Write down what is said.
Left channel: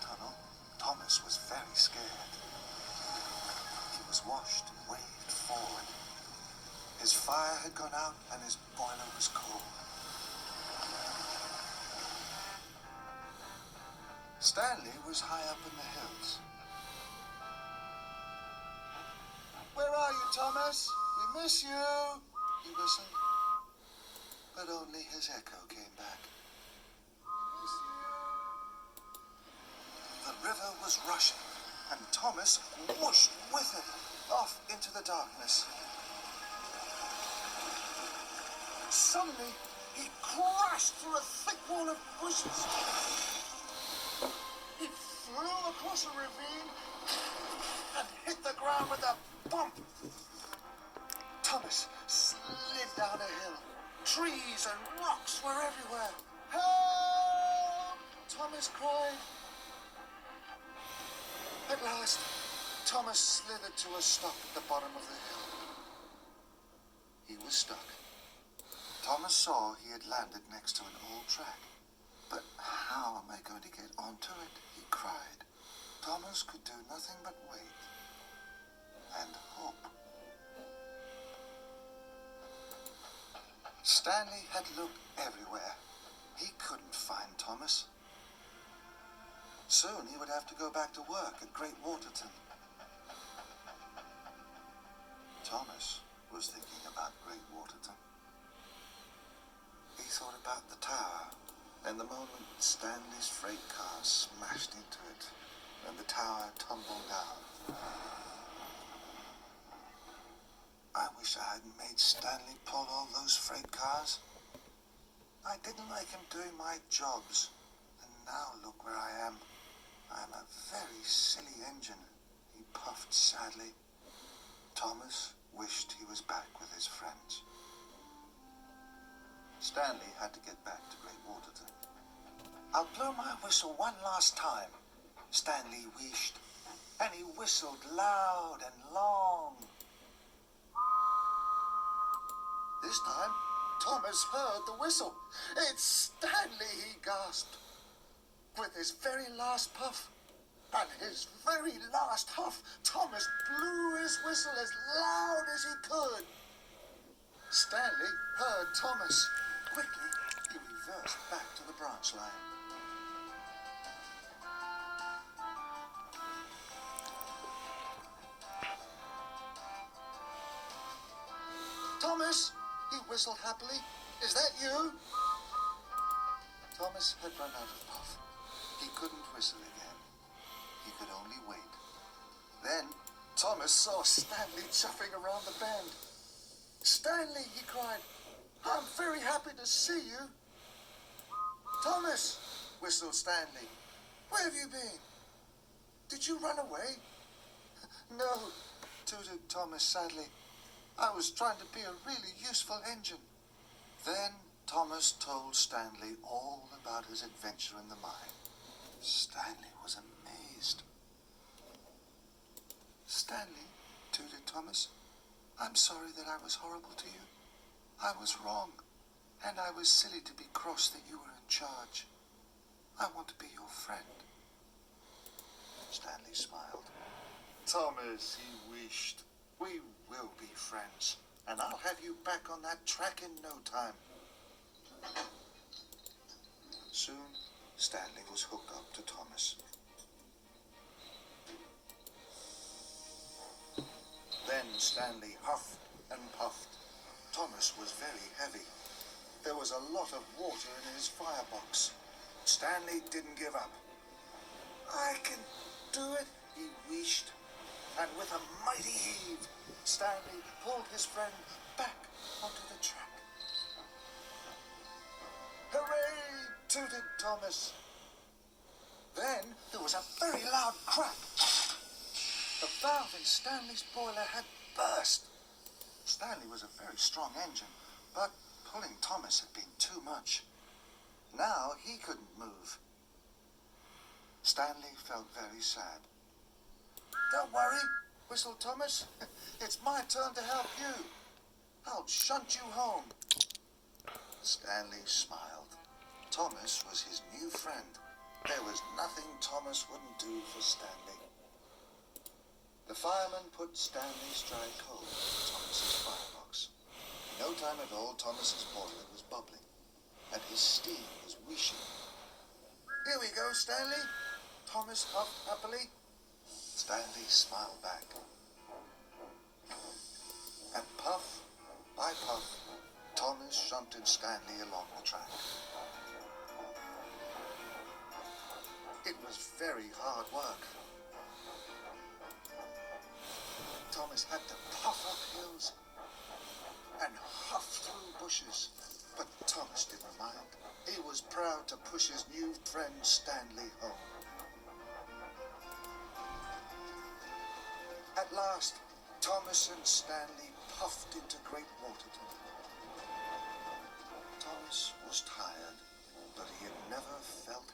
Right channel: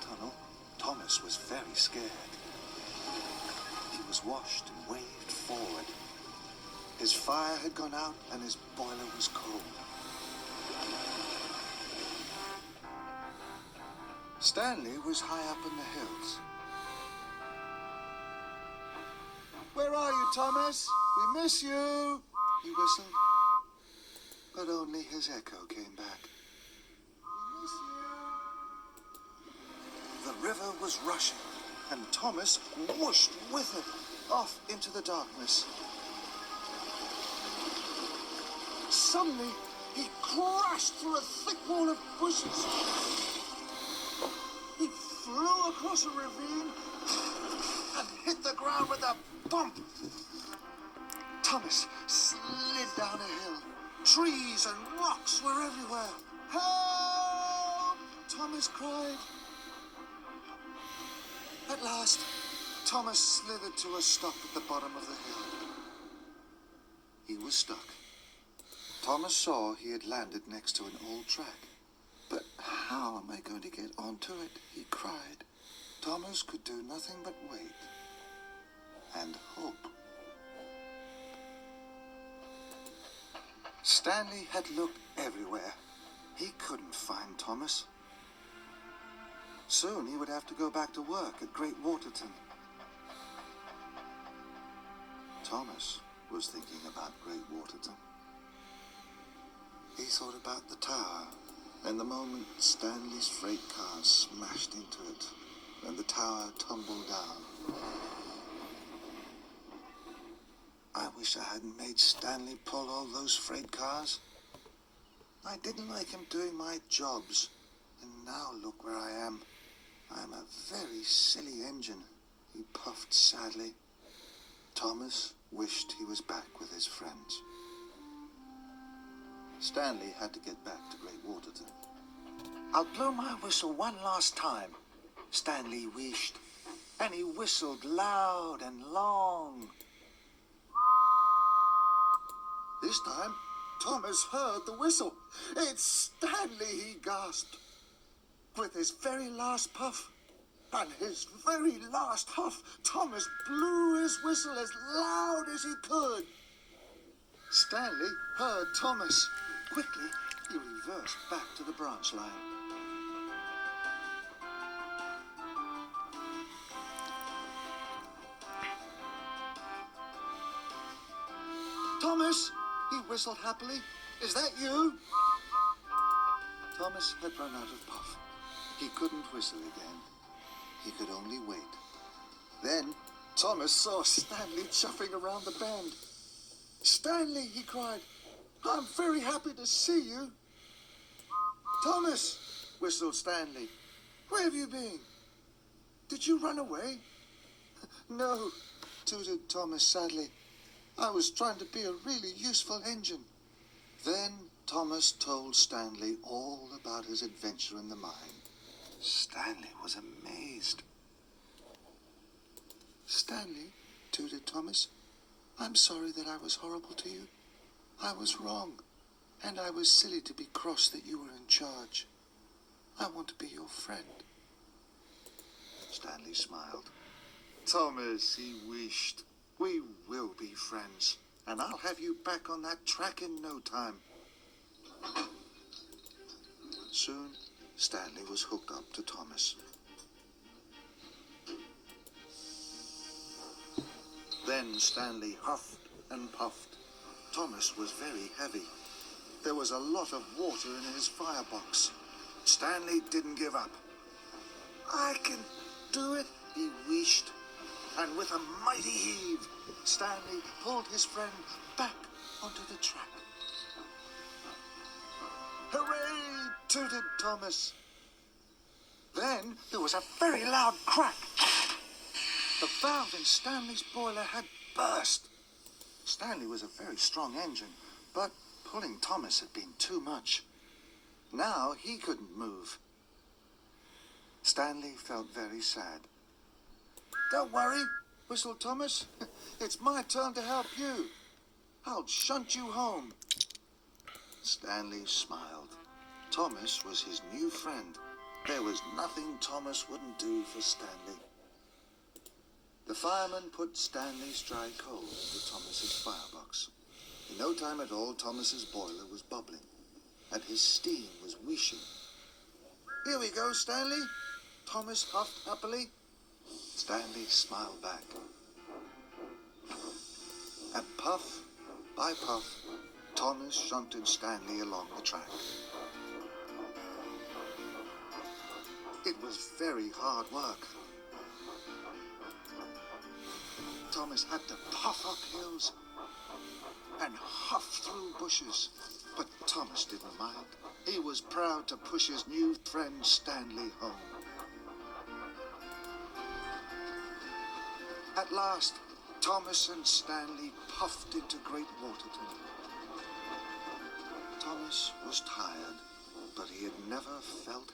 tunnel, Thomas was very scared. He was washed and waved forward. His fire had gone out and his boiler was cold. Stanley was high up in the hills. "Where are you, Thomas? We miss you," he whistled. But only his echo came back. "We miss you." The river was rushing, and Thomas whooshed with it off into the darkness. Suddenly, he crashed through a thick wall of bushes. He flew across a ravine and hit the ground with a bump. Thomas slid down a hill. Trees and rocks were everywhere. "Help!" Thomas cried. At last, Thomas slithered to a stop at the bottom of the hill. He was stuck. Thomas saw he had landed next to an old track. "But how am I going to get onto it?" he cried. Thomas could do nothing but wait and hope. Stanley had looked everywhere. He couldn't find Thomas. Soon he would have to go back to work at Great Waterton. Thomas was thinking about Great Waterton. He thought about the tower, and the moment Stanley's freight car smashed into it, and the tower tumbled down. I wish I hadn't made Stanley pull all those freight cars. I didn't like him doing my jobs, and now look where I am. I'm a very silly engine, he puffed sadly. Thomas wished he was back with his friends. Stanley had to get back to Great Waterton. "I'll blow my whistle one last time," Stanley wished, and he whistled loud and long. This time, Thomas heard the whistle. "It's Stanley," he gasped. With his very last puff and his very last huff, Thomas blew his whistle as loud as he could. Stanley heard Thomas. Quickly, he reversed back to the branch line. "Thomas," he whistled happily. "Is that you?" Thomas had run out of puff. He couldn't whistle again. He could only wait. Then Thomas saw Stanley chuffing around the bend. "Stanley," he cried, "I'm very happy to see you." "Thomas," whistled Stanley, "where have you been? Did you run away?" "No," tooted Thomas sadly. "I was trying to be a really useful engine." Then Thomas told Stanley all about his adventure in the mine. Stanley was amazed. "Stanley," tooted Thomas, "I'm sorry that I was horrible to you. I was wrong, and I was silly to be cross that you were in charge. I want to be your friend." Stanley smiled. "Thomas," he wished, "we will be friends, and I'll have you back on that track in no time." Soon, Stanley was hooked up to Thomas. Then Stanley huffed and puffed. Thomas was very heavy. There was a lot of water in his firebox. Stanley didn't give up. "I can do it," he wished. And with a mighty heave, Stanley pulled his friend back onto the track. "Hooray!" tooted Thomas. Then there was a very loud crack. The valve in Stanley's boiler had burst. Stanley was a very strong engine, but pulling Thomas had been too much. Now he couldn't move. Stanley felt very sad. "Don't worry," whistled Thomas. "It's my turn to help you. I'll shunt you home." Stanley smiled. Thomas was his new friend, There was nothing Thomas wouldn't do for Stanley. The fireman put Stanley's dry coal into Thomas's firebox. In no time at all, Thomas's boiler was bubbling, and his steam was wheeshing. "Here we go, Stanley," Thomas puffed happily. Stanley smiled back. And puff by puff, Thomas shunted Stanley along the track. It was very hard work. Thomas had to puff up hills and huff through bushes, but Thomas didn't mind. He was proud to push his new friend Stanley home. At last, Thomas and Stanley puffed into Great Waterton. Thomas was tired, but he had never felt